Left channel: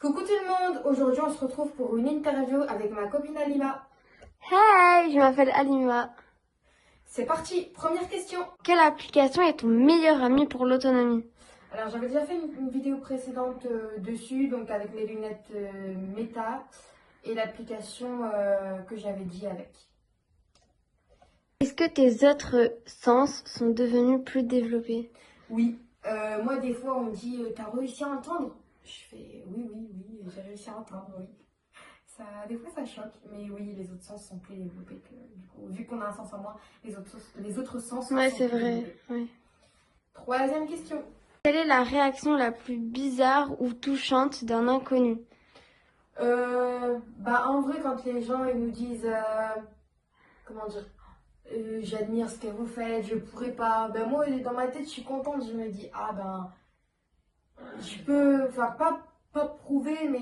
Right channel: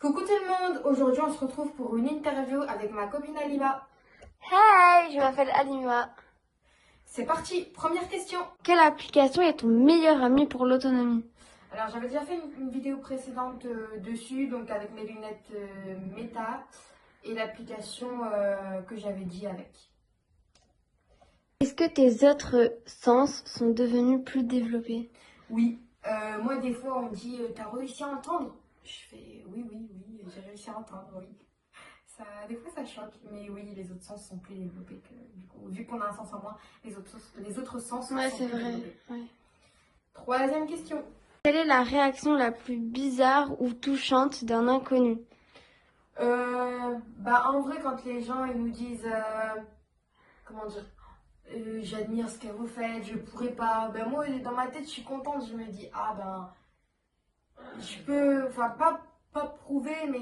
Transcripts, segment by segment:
Coucou tout le monde, aujourd'hui on se retrouve pour une interview avec ma copine Alima. Hi, je m'appelle Alima. C'est parti, première question. Quelle application est ton meilleur ami pour l'autonomie? Alors j'avais déjà fait une vidéo précédente dessus, donc avec mes lunettes Meta et l'application que j'avais dit avec. Est-ce que tes autres sens sont devenus plus développés? Oui, moi des fois on me dit t'as réussi à entendre? Je fais oui, j'ai réussi à entendre, oui. Ça, des fois ça choque, mais oui, les autres sens sont plus développés que du coup, vu qu'on a un sens en moins, les autres sens Ouais, sont c'est plus vrai. développés. Ouais. Troisième question. Quelle est la réaction la plus bizarre ou touchante d'un inconnu? En vrai, quand les gens ils nous disent, comment dire, j'admire ce que vous faites, je pourrais pas, ben moi dans ma tête je suis contente, je me dis, ah ben, je peux, enfin pas prouver, mais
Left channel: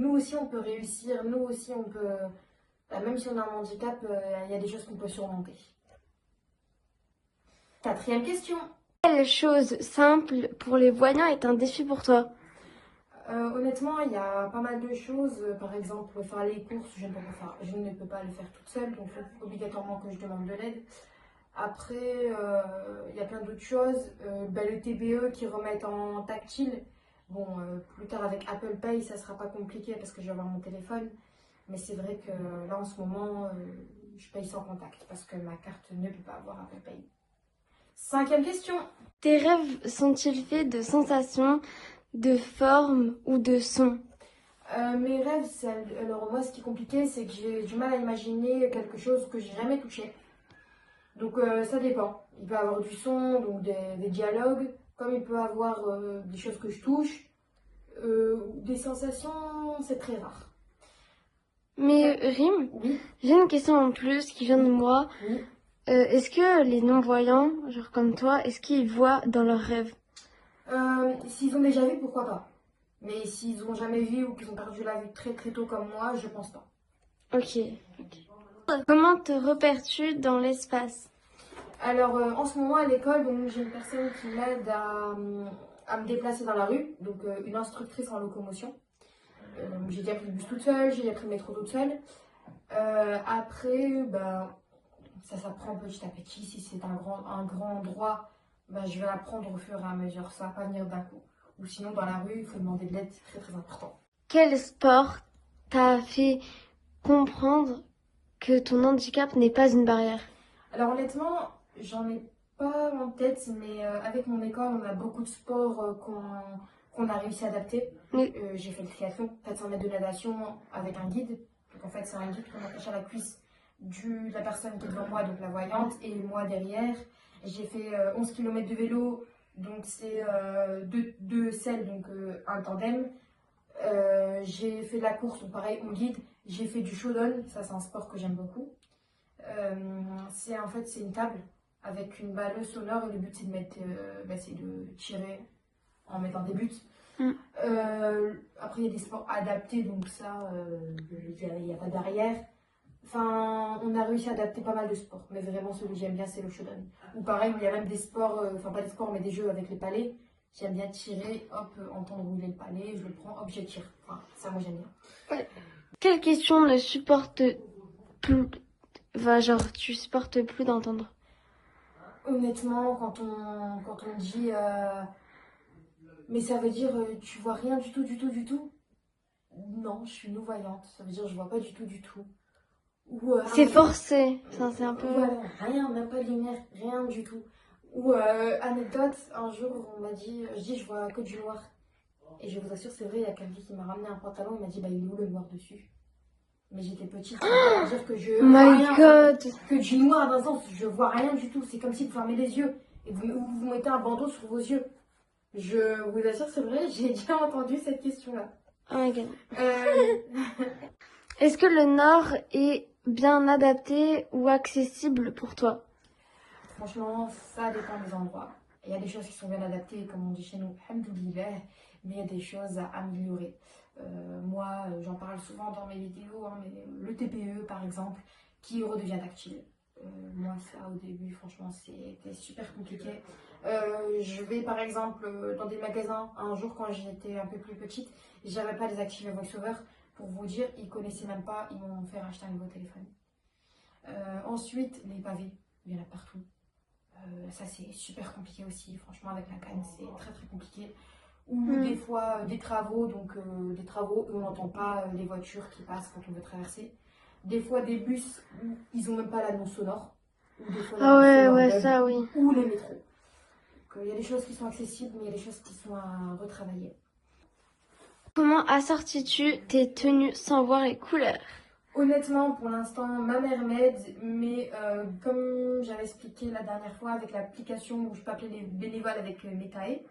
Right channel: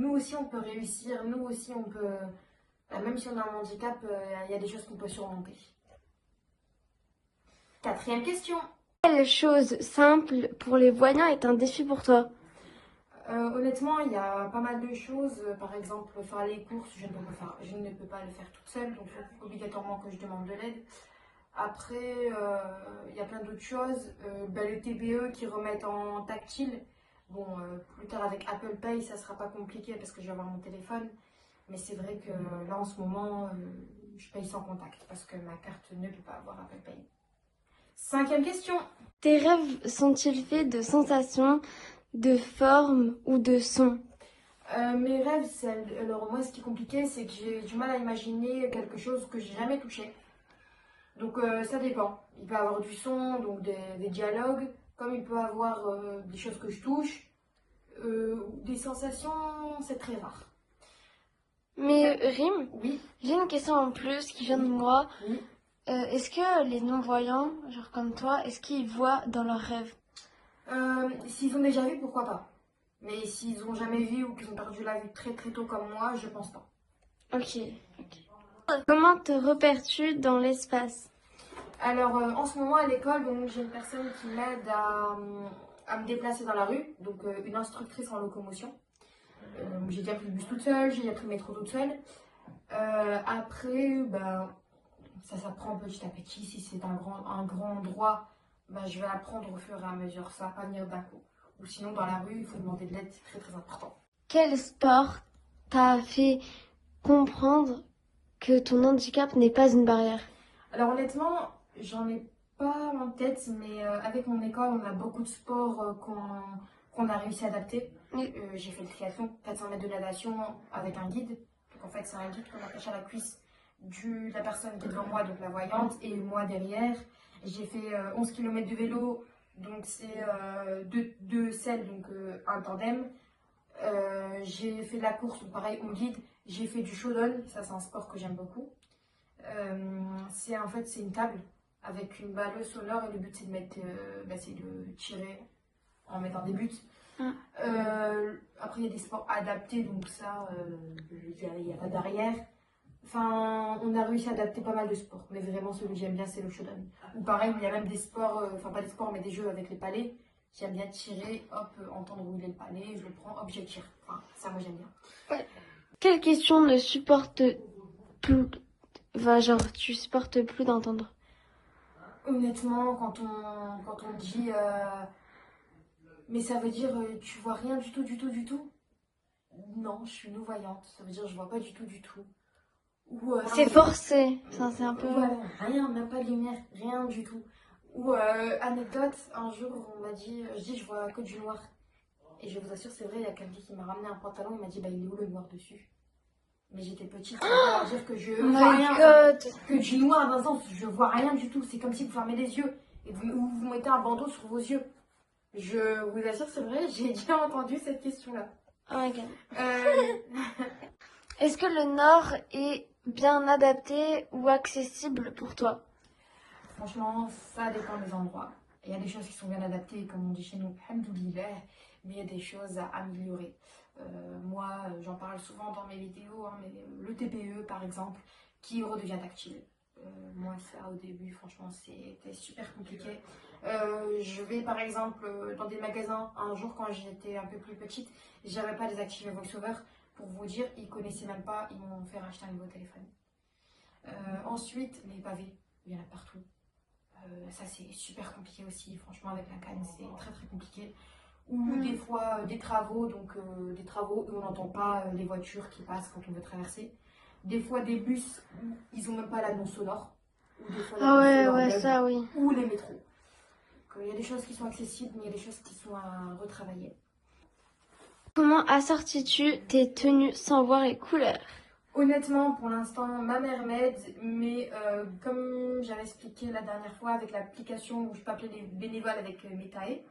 nous aussi on peut réussir, nous aussi on peut, ben, même si on a un handicap, il y a des choses qu'on peut surmonter. Quatrième question. Quelle chose simple pour les voyants est un défi pour toi? Honnêtement, il y a pas mal de choses. Par exemple, faire les courses, je ne peux pas le faire toute seule, donc il faut obligatoirement que je demande de l'aide. Après, il y a plein d'autres choses. Le TBE qui remettent en tactile. Bon, plus tard avec Apple Pay, ça sera pas compliqué parce que je vais avoir mon téléphone. Mais c'est vrai que là, en ce moment, je paye sans contact parce que ma carte ne peut pas avoir Apple Pay. Cinquième question. Tes rêves sont-ils faits de sensations, de formes ou de sons? Mes rêves, alors moi, ce qui est compliqué, c'est que j'ai du mal à imaginer quelque chose que j'ai jamais touché. Donc ça dépend. Il peut y avoir du son, donc des dialogues, comme il peut y avoir des choses que je touche. Des sensations, c'est très rare. Mais Rime, Oui, j'ai une question en plus qui vient de moi. oui. Est-ce que les non-voyants, genre comme toi, est-ce qu'ils voient dans leurs rêves? S'ils ont déjà vu, pourquoi pas. Mais s'ils ont jamais vu ou qu'ils ont perdu la vue très très tôt comme moi, je pense pas. Ok. Comment te repères-tu dans l'espace? Alors en ce moment à l'école, j'ai une personne qui m'aide à me déplacer dans la rue, donc une instructrice en locomotion. J'ai déjà pris le bus toute seule, j'ai déjà pris le métro toute seule. Après, ça s'apprend petit à petit. Si c'est un grand endroit, je vais apprendre au fur et à mesure. Ça va pas venir d'un coup. Ou sinon, dans la rue, il faut demander de l'aide, c'est très très important. Quel sport t'a fait comprendre que ton handicap n'est pas une barrière? Alors honnêtement, j'en ai pas en tête, mais avec mon école, on a beaucoup de sports qu'on a réussi à adapter. Oui. J'ai fait le triathlon, 400 mètres de natation avec un guide. Donc en fait, c'est un guide qu'on attache à la cuisse de la personne qui est devant moi, donc la voyante, et moi derrière. J'ai fait 11 km de vélo, donc c'est deux selles, donc un tandem. J'ai fait de la course, donc pareil, on guide. J'ai fait du shodan, ça c'est un sport que j'aime beaucoup. C'est une table avec une balleuse au nord et le but c'est de c'est de tirer en mettant des buts. Mm. Après il y a des sports adaptés donc ça il y a pas derrière. Enfin on a réussi à adapter pas mal de sports mais vraiment celui que j'aime bien c'est le shodan. Ou pareil il y a même des sports, enfin pas des sports mais des jeux avec les palets. J'aime bien tirer, hop, entendre où il est le palais, je le prends, hop je tire. Enfin ça moi j'aime bien. Quelle question ne supporte plus, enfin, genre, tu supportes plus d'entendre? Honnêtement, quand on dit mais ça veut dire tu vois rien du tout, du tout, du tout? Non, je suis non-voyante. Ça veut dire je vois pas du tout, du tout. Ou C'est forcé. Ça, c'est un peu. voilà, rien, même pas de lumière, rien du tout. Ou anecdote, un jour on m'a dit, je dis je vois que du noir. Et je vous assure, c'est vrai, il y a quelqu'un qui m'a ramené un pantalon, il m'a dit bah il est où le noir dessus? Mais j'étais petite, ça veut pas dire que je vois My rien, God. que du noir dans le sens, je vois rien du tout. C'est comme si vous fermez les yeux et vous mettez un bandeau sur vos yeux. Je vous assure, c'est vrai, j'ai déjà entendu cette question-là. My God. Euh, Est-ce que le Nord est bien adapté ou accessible pour toi? Franchement, ça dépend des endroits. Il y a des choses qui sont bien adaptées, comme on dit chez nous, alhamdoulilah, mais il y a des choses à améliorer. Moi, j'en parle souvent dans mes vidéos, hein, mais le TPE par exemple, qui redevient tactile. Moi, ça au début, franchement, c'était super compliqué. Je vais par exemple dans des magasins un jour quand j'étais un peu plus petite J'avais pas désactivé VoiceOver. Pour vous dire, ils connaissaient même pas, ils m'ont fait racheter un nouveau téléphone. Ensuite, les pavés, il y en a partout. Ça, c'est super compliqué aussi. Franchement, avec la canne, c'est très très compliqué. Ou des fois, des travaux, donc des travaux où on n'entend pas les voitures qui passent quand on veut traverser. Des fois, des bus, ils ont même pas l'annonce sonore. Ou des fois, Ah l'annonce ouais, sonore ouais, bug. ça, oui. Ou les métros. Donc, il y a des choses qui sont accessibles, mais il y a des choses qui sont à retravailler. Comment assortis-tu tes tenues sans voir les couleurs? Honnêtement, pour l'instant, ma mère m'aide, mais comme j'avais expliqué la dernière fois avec l'application où je peux appeler les bénévoles avec Metae,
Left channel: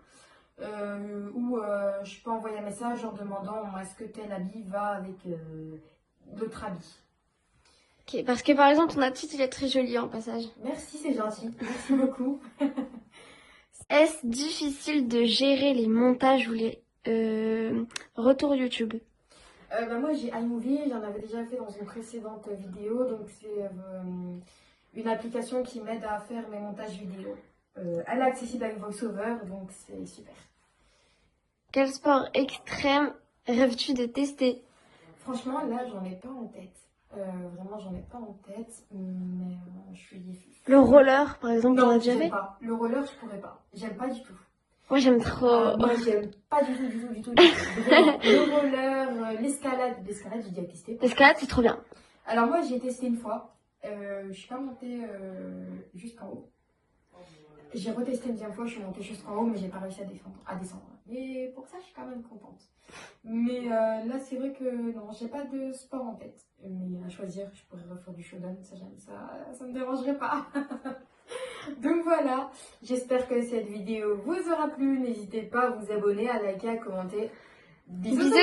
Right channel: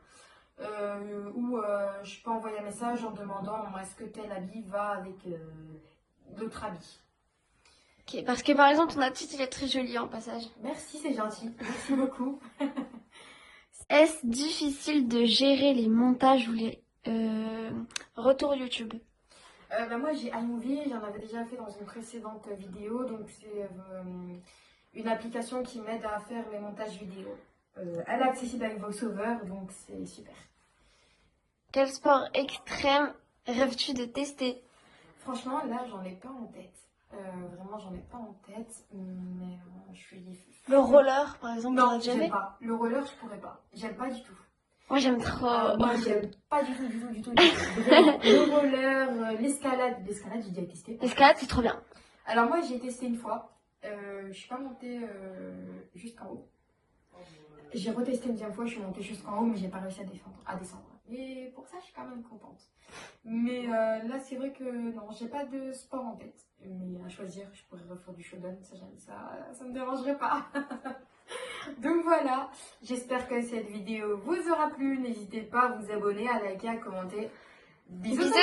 où je peux envoyer un message en demandant est-ce que tel habit va avec d'autres habits. Ok, parce que par exemple, ton attitude, il est très joli en passage. Merci, c'est gentil. Merci beaucoup. Est-ce difficile de gérer les montages ou les retours YouTube? Moi, j'ai iMovie, j'en avais déjà fait dans une précédente vidéo, donc c'est une application qui m'aide à faire mes montages vidéo. Elle est accessible avec VoiceOver, donc c'est super. Quel sport extrême rêves-tu de tester? Franchement, là, j'en ai pas en tête. Vraiment, j'en ai pas en tête, mais je suis... Le roller, par exemple, t'en as Non, déjà j'aime fait? pas. Le roller, je pourrais pas. J'aime pas du tout. Moi, j'aime trop. Moi, j'aime pas du tout, du tout, du tout. Vraiment, le roller, l'escalade. L'escalade, j'ai déjà testé. L'escalade, c'est trop bien. Alors moi, j'ai testé une fois. Je suis pas montée jusqu'en haut. J'ai retesté une deuxième fois, je suis montée jusqu'en haut, mais j'ai pas réussi à descendre. Mais pour ça, je suis quand même contente. Mais là, c'est vrai que non, j'ai pas de sport en tête. Mais à choisir, je pourrais refaire du shodan, ça me dérangerait pas. Donc voilà, j'espère que cette vidéo vous aura plu. N'hésitez pas à vous abonner, à liker, à commenter. Bisous tout le monde.